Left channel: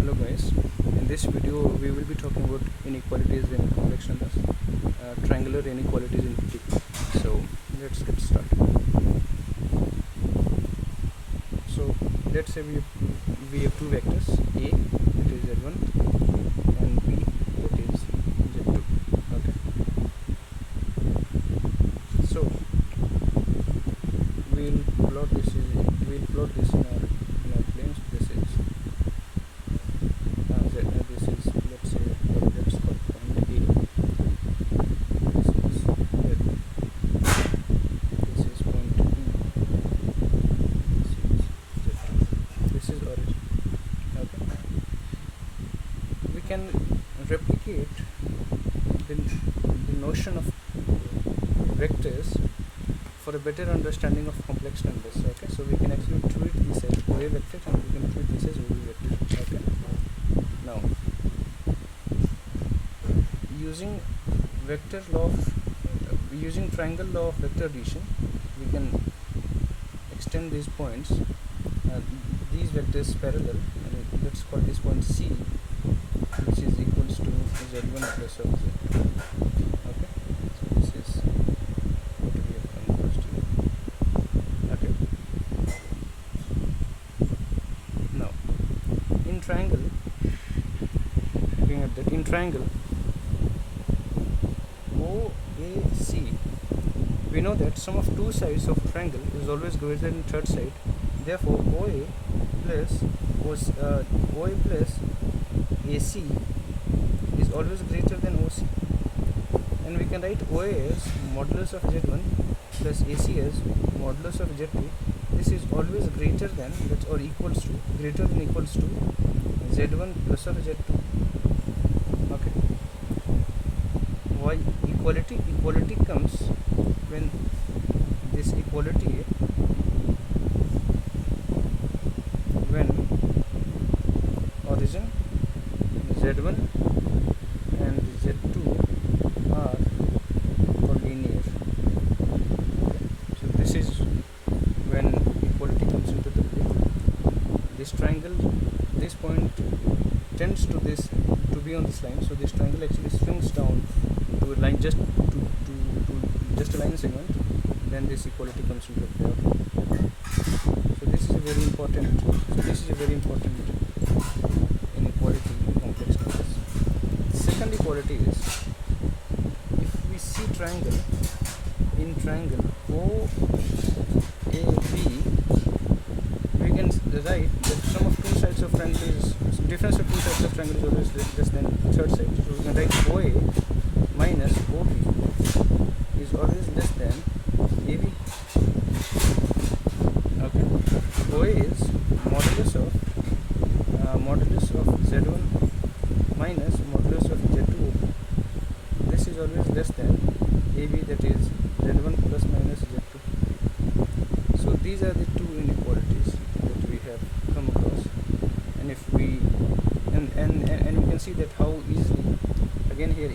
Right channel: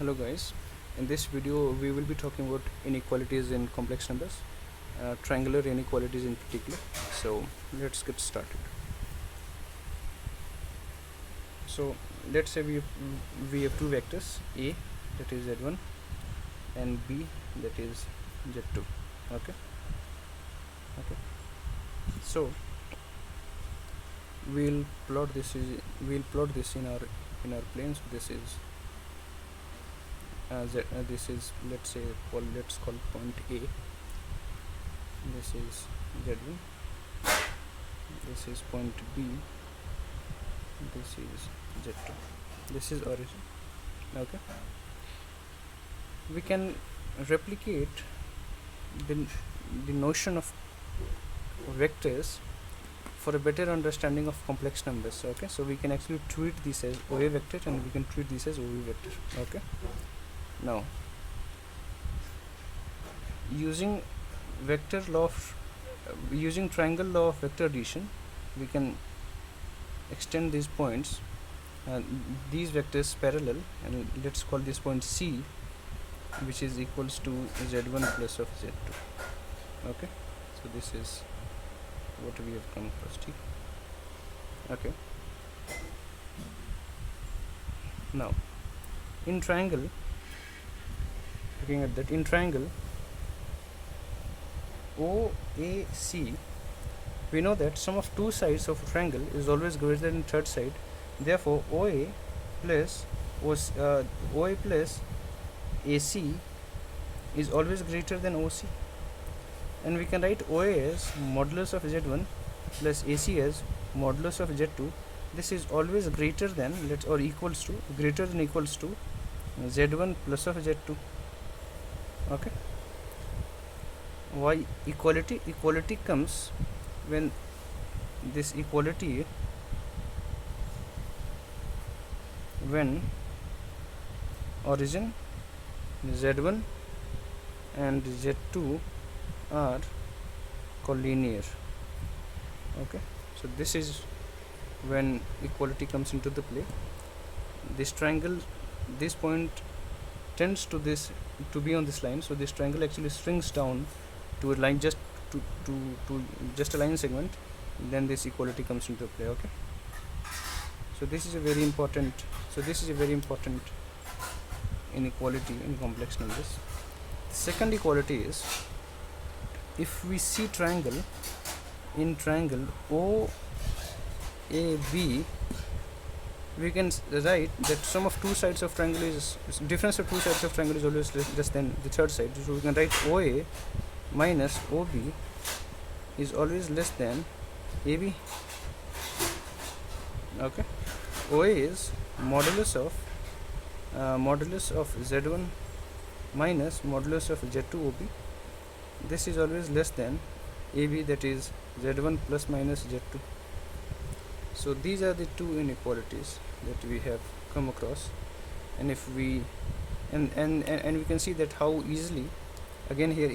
Hello guys, in this video we will be talking about inequalities in complex numbers, triangular inequalities in particular. So let's get started. So let's say we have two vectors, A that is Z1 and B that is Z2. Okay, so we'll plot this in our planes. This is let's call point A. This is Z1. This is point B. This is Z2. This is origin. Okay. We can replicate the notion of vectors for a better understanding of complex numbers. Okay, so we can actually treat this as OA vector and we can treat this as OB vector. Okay. Now, using triangle law of vector addition, we can extend these points, these vectors parallel, and let's call this point C, which is equals to Z1 plus of Z2. Okay, so this is what we have come across here. Okay. Now, in triangle, looking at that, in triangle OAC, we know that sum of two sides of a triangle is always greater than third side. Therefore, OA plus AC is always greater than OC, and we can write OA as modulus of Z1 plus AC as modulus of Z2. This is always greater than equals to Z1 plus of Z2. Okay. Why equality? Equality comes when this equality, when origin Z1 and Z2 are collinear. Okay, so this is when equality comes into the play. This triangle, this point tends to be on this line, so this triangle actually swings down to a line, just to just a line segment. Then this equality comes into play. Okay. So this is a very important inequality in complex numbers. The second equality is, if we see triangle, in triangle OAB, we can write that sum of two sides of triangle is difference of two sides of triangle is always less than the third side. So we can write OA minus OB is always less than AB. Okay. OA is modulus of Z1 minus modulus of Z2 OB. This is always less than AB, that is Z1 plus minus Z2. So these are the two inequalities that we have come across, and if we and we can see that how easily, again here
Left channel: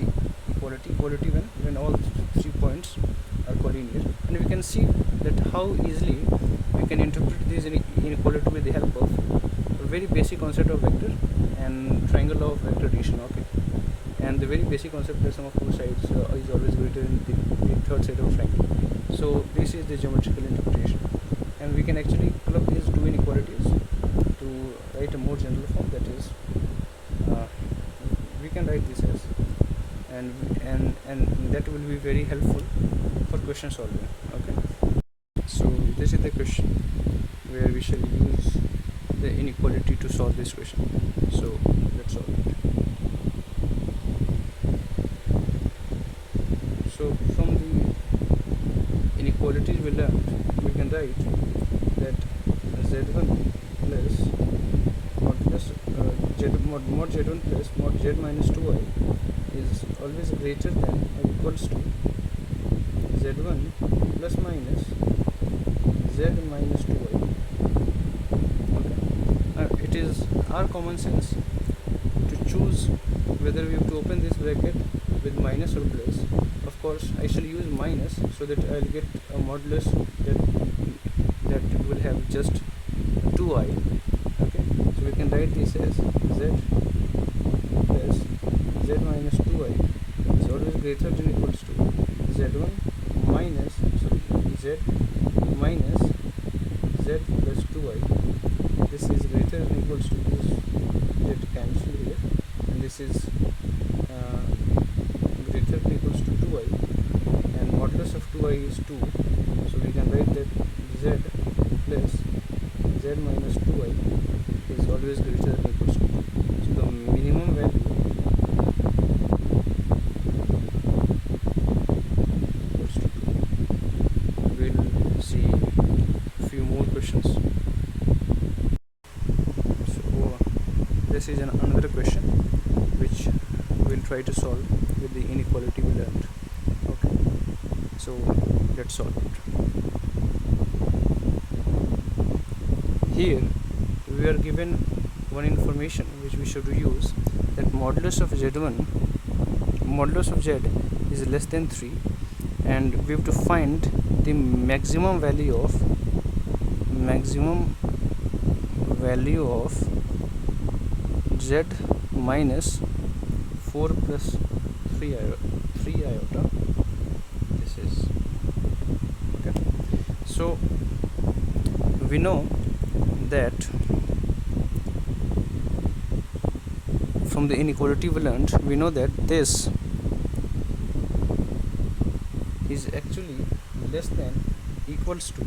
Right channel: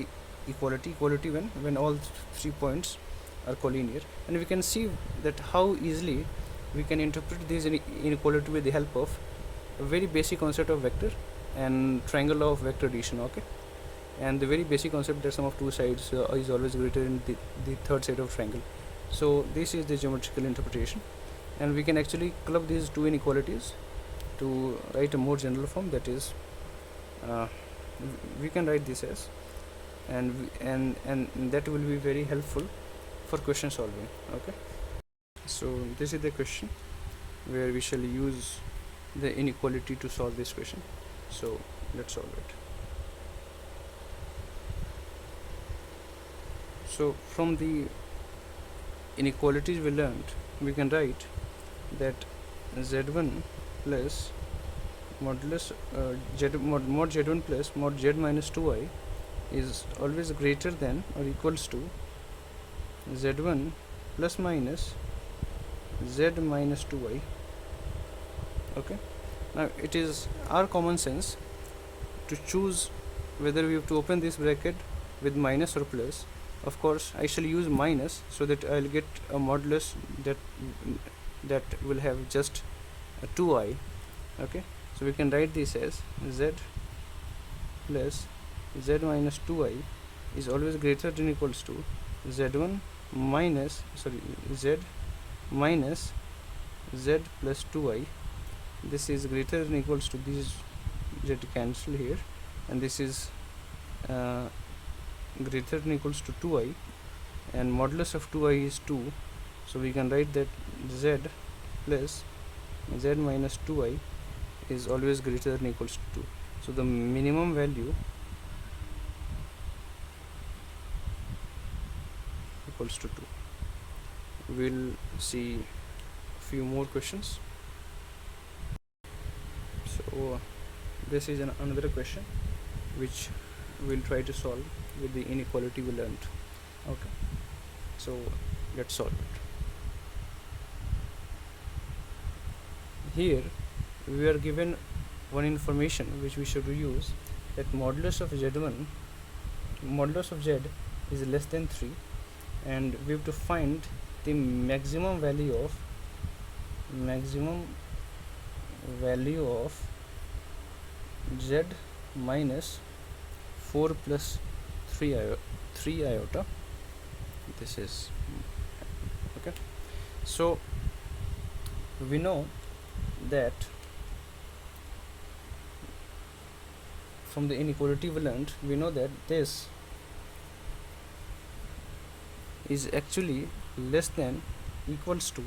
equality when all 3 points are collinear, and we can see that how easily we can interpret this inequality with the help of a very basic concept of vector and triangle law of vector addition. Okay, and the very basic concept that sum of two sides is always greater than the third side of triangle. So this is the geometrical interpretation, and we can actually club these two inequalities to write a more general form, that is we can write this as, and that will be very helpful for question solving. Okay, so this is the question where we shall use the inequality to solve this question. So let's solve it. So from the inequalities we learned, we can write that Z1 plus modulus mod Z1 plus mod Z minus 2i is always greater than or equals to Z1 plus minus Z minus 2i. Okay. Now it is our common sense to choose whether we have to open this bracket with minus or plus. Of course, I shall use minus so that I'll get a modulus that will have just 2i. Okay, so So we can write this as z plus z minus 2i is always greater than equals to z1 minus z minus z plus 2i. This is greater than equals to this z cancel here, and this is greater than equals to 2i, and modulus of 2i is 2, so we can write that z plus z minus 2i is always greater than equals to 2. So the minimum value equals to 2. We'll see a few more questions. So this is another question which we'll try to solve with the inequality we learned. Okay, so let's solve it. Here we are given one information which we should use, that modulus of z1, modulus of z is less than 3, and we have to find the maximum value of z minus 4 plus 3 iota. This is okay. So we know that from the inequality we learned, we know that this is actually less than equals to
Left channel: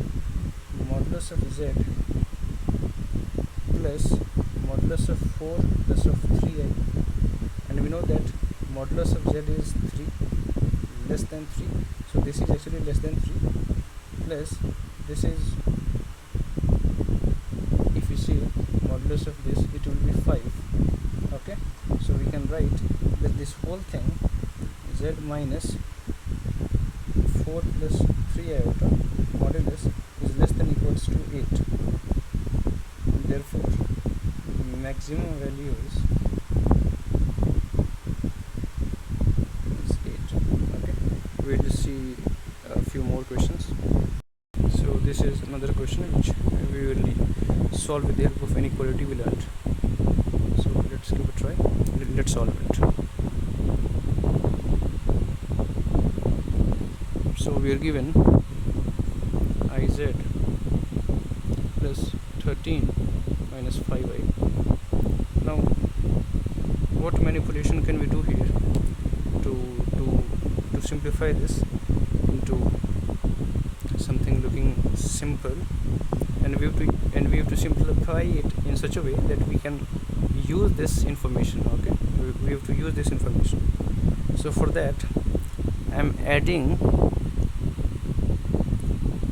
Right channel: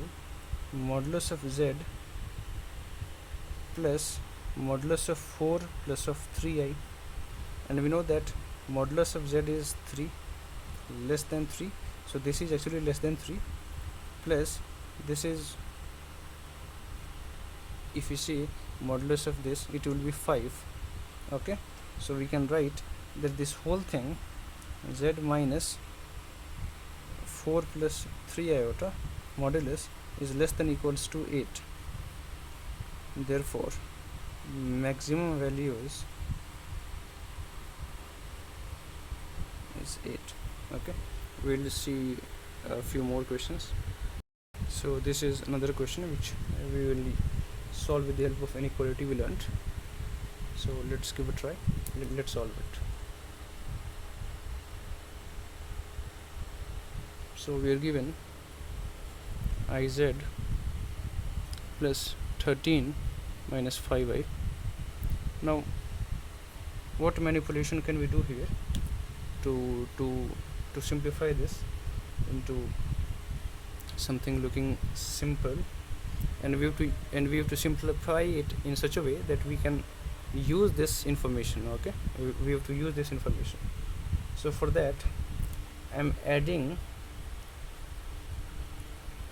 modulus of z plus modulus of 4 plus of 3i, and we know that modulus of z is 3, less than 3, so this is actually less than 3, plus this is, if you see modulus of this, it will be 5. Okay, so we can write that this whole thing z minus 4 plus 3 iota modulus is less than equals to 8. Therefore maximum value is 8. Okay, we'll see a few more questions. So this is another question which we will solve with the help of inequality we learned. So let's give a try. Let's solve it. So we are given iz plus 13 minus 5i. Now what manipulation can we do here to simplify this into something looking simple, and we have to simplify it in such a way that we can use this information. Okay, we have to use this information. So for that I am adding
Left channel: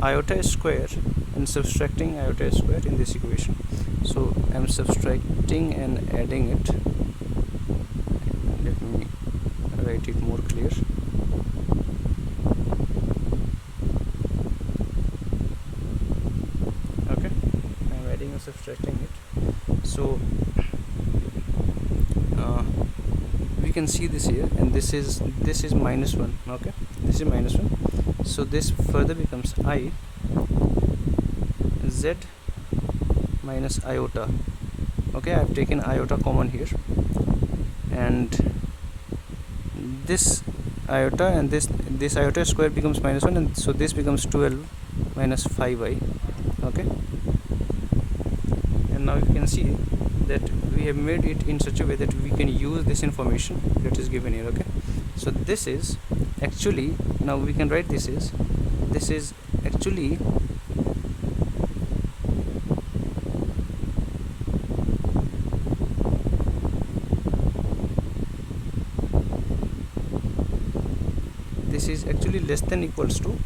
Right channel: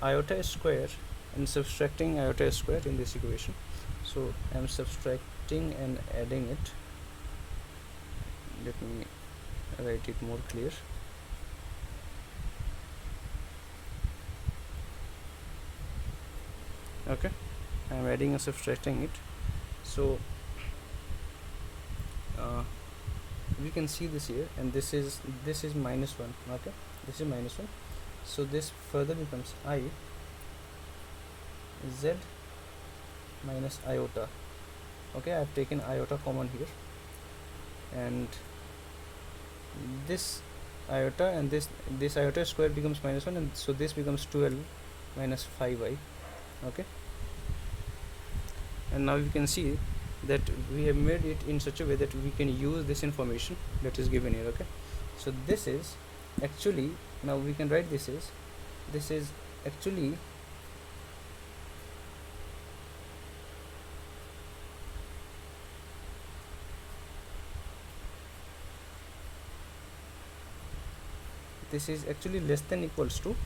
iota square and subtracting iota square in this equation. So I am subtracting and adding it. Let me write it more clear. Okay, I am adding and subtracting it. So we can see this here, and this is minus 1. Okay, this is minus 1, so this further becomes I z minus iota. Okay, I have taken iota common here, and this iota and this iota square becomes minus 1, and so this becomes 12 minus 5i. Okay, and now you can see that we have made it in such a way that we can use this information that is given here. Okay, so this is actually, now we can write this is actually less than equals to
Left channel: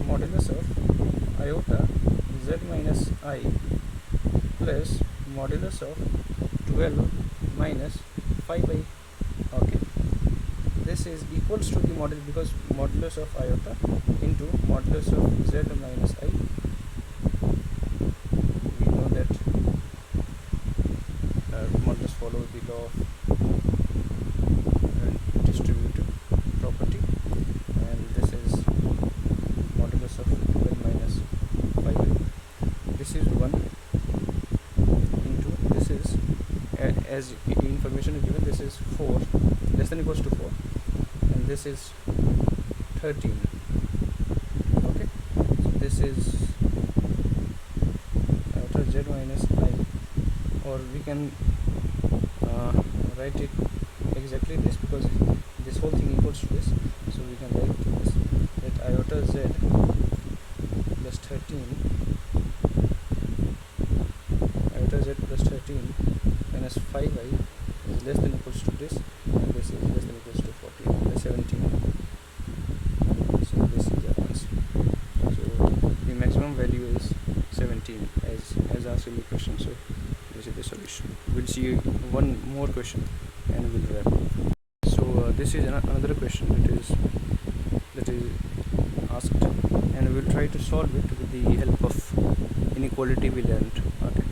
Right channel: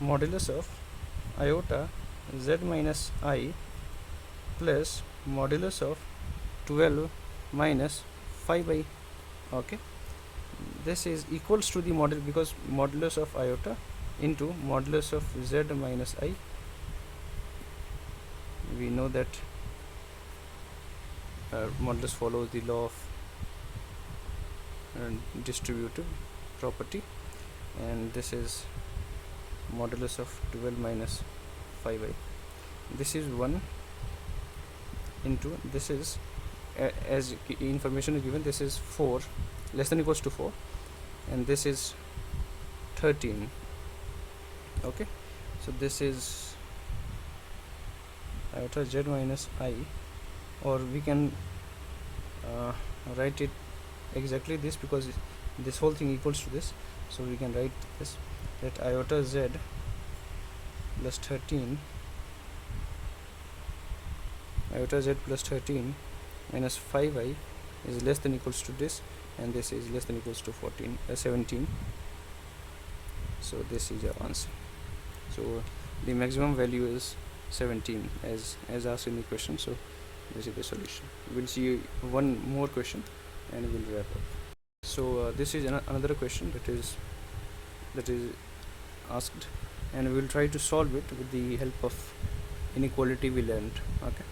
modulus of iota z minus I plus modulus of 12 minus 5i. Okay, this is equals to the model, because modulus of iota into modulus of z minus I, we know that modulus follows the law of distributive property, and this is modulus of 12 minus 5i. This is 1 into, this is as information is given, this is 4 less than equals to 4, and this is 13. Okay, so this is iota z minus I, or we can write it exactly this, because this whole thing equals to this, so we can write this, that iota z plus 13, iota z plus 13 minus 5I is less than equals to this, and this is less than equals to 17. So this is our answer. So the maximum value is 17 as asked in the question. So this is the solution. We'll see one more question and we'll wrap up. So this is another question that is asked, and we'll try to solve it with the help of inequality we learned. Okay,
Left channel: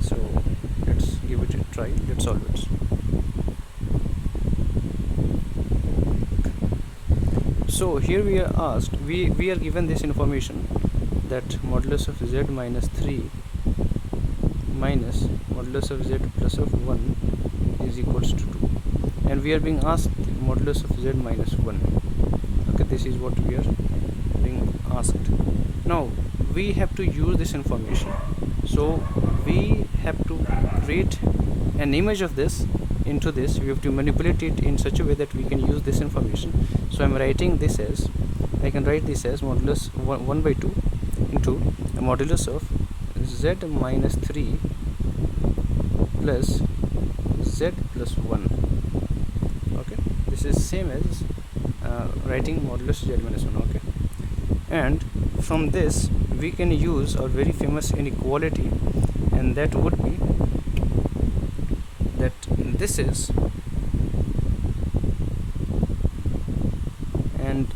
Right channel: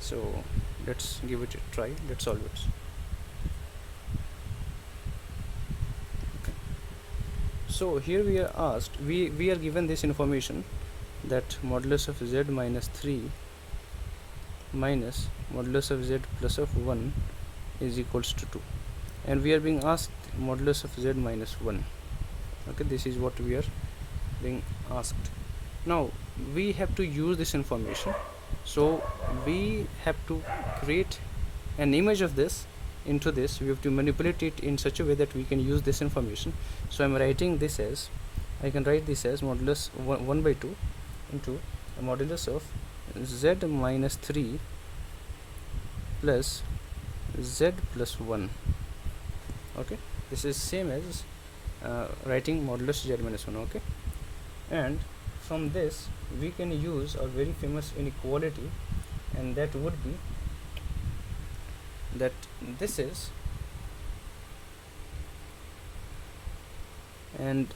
so let's give it a try. Let's solve it. So here we are asked, we are given this information that modulus of z minus 3 minus modulus of z plus of 1 is equals to 2, and we are being asked modulus of z minus 1. Okay, this is what we are being asked. Now we have to use this information, so we have to create an image of this into this. We have to manipulate it in such a way that we can use this information. So I'm writing this as, I can write this as modulus 1 by 2 into modulus of z minus 3 plus z plus 1. Okay, this is same as writing modulus z minus 1. Okay, and from this we can use our very famous inequality, and that would be that this is, and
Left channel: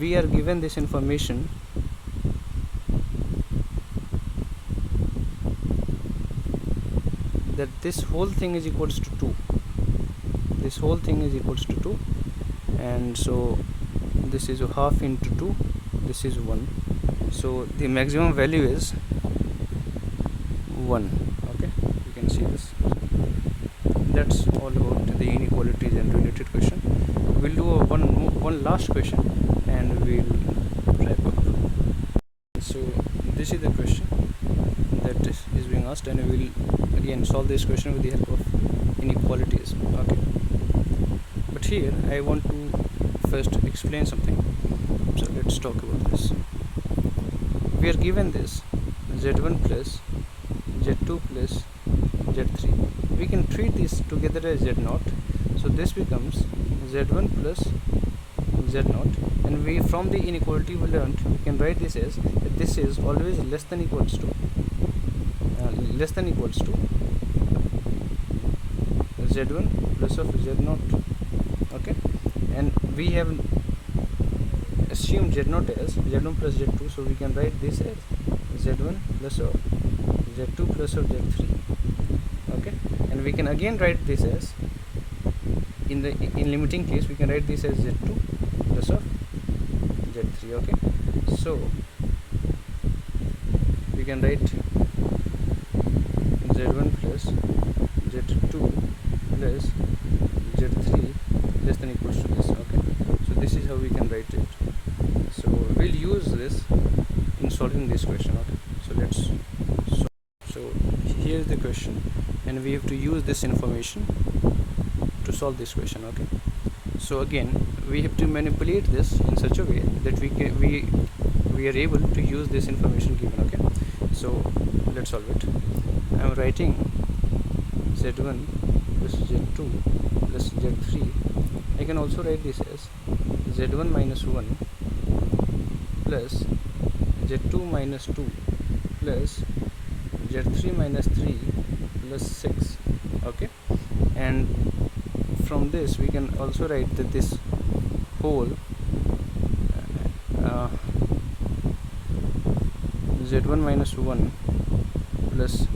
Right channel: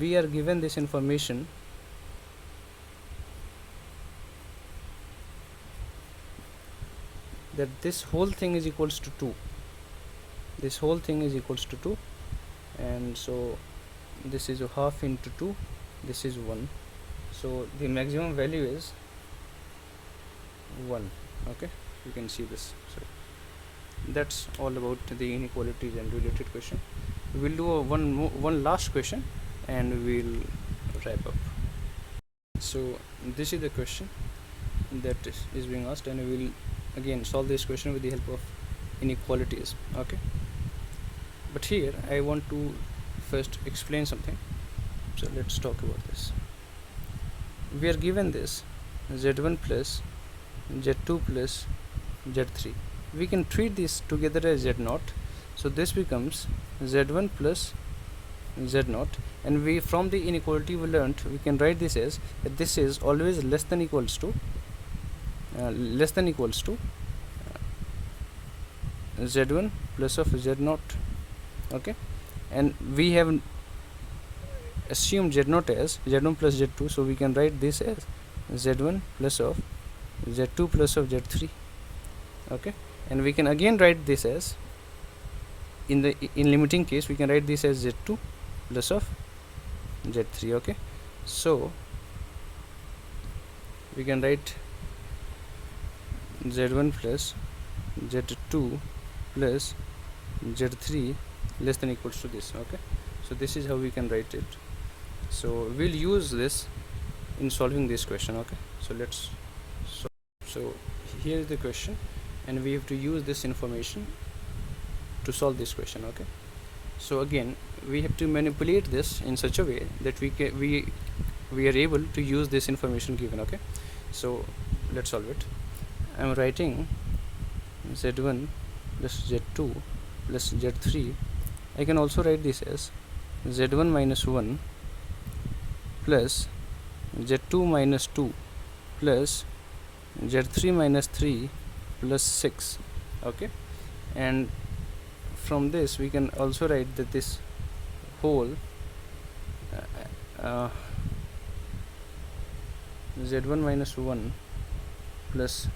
we are given this information that this whole thing is equals to 2. This whole thing is equals to 2, and so this is a half into 2, this is 1, so the maximum value is 1. Okay, you can see this. So that's all about the inequalities and related question. We'll do one last question and we'll wrap up. So this is the question that is being asked, and we will again solve this question with the help of inequalities. Okay, but here I want to first explain something, so let's talk about this. We are given this z1 plus z2 plus z3. We can treat this together as z0, so this becomes z1 plus z0, and we, from the inequality we learned, we can write this as that this is always less than equals to z1 plus of z0. Okay, and we have assumed z0 as z1 plus z2, so we can write this as z1 plus of z2 plus of z3. Okay, and we can again write this as, in limiting case, we can write this as z2 plus of z3. Okay, so we can write z1 plus z2 plus z3 less than equals to this. Okay, so this is how we can write it. So we'll use this in solving this question. Okay, so let's solve. So here is the question, and we have to use this information to solve this question. Okay, so again we have to manipulate this in such a way that we are able to use this information given. Okay, so let's solve it. I am writing z1 plus z2 plus z3. I can also write this as z1 minus 1 plus z2 minus 2 plus z3 minus 3 plus 6. Okay, and from this we can also write that this whole z1 minus 1 plus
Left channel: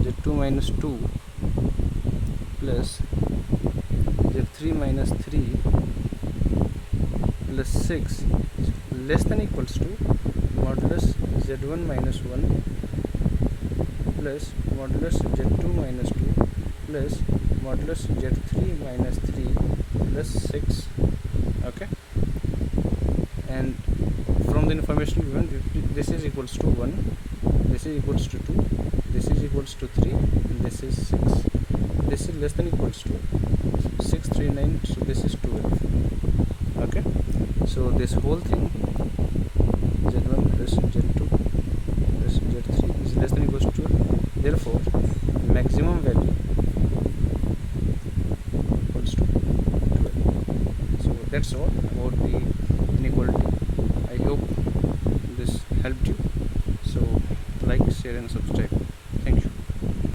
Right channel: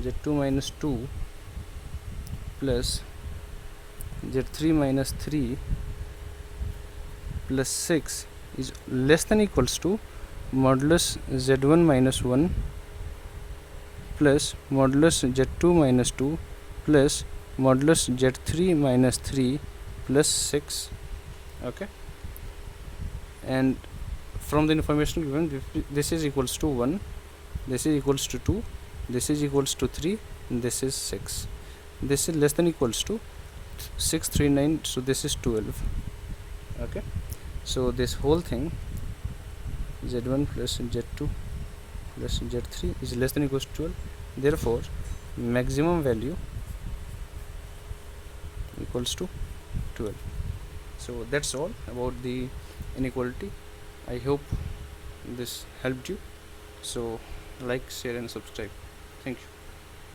z2 minus 2 plus z3 minus 3 plus 6 is less than equals to modulus z1 minus 1 plus modulus z2 minus 2 plus modulus z3 minus 3 plus 6. Okay, and from the information given, this is equals to 1, this is equals to 2, this is equals to 3, and this is 6. This is less than equals to 6, 3, 9, so this is 12. Okay, so this whole thing z1 plus z2 plus z3 is less than equals to 12. Therefore maximum value equals to 12. So that's all about the inequality. I hope this helped you. So like, share and subscribe.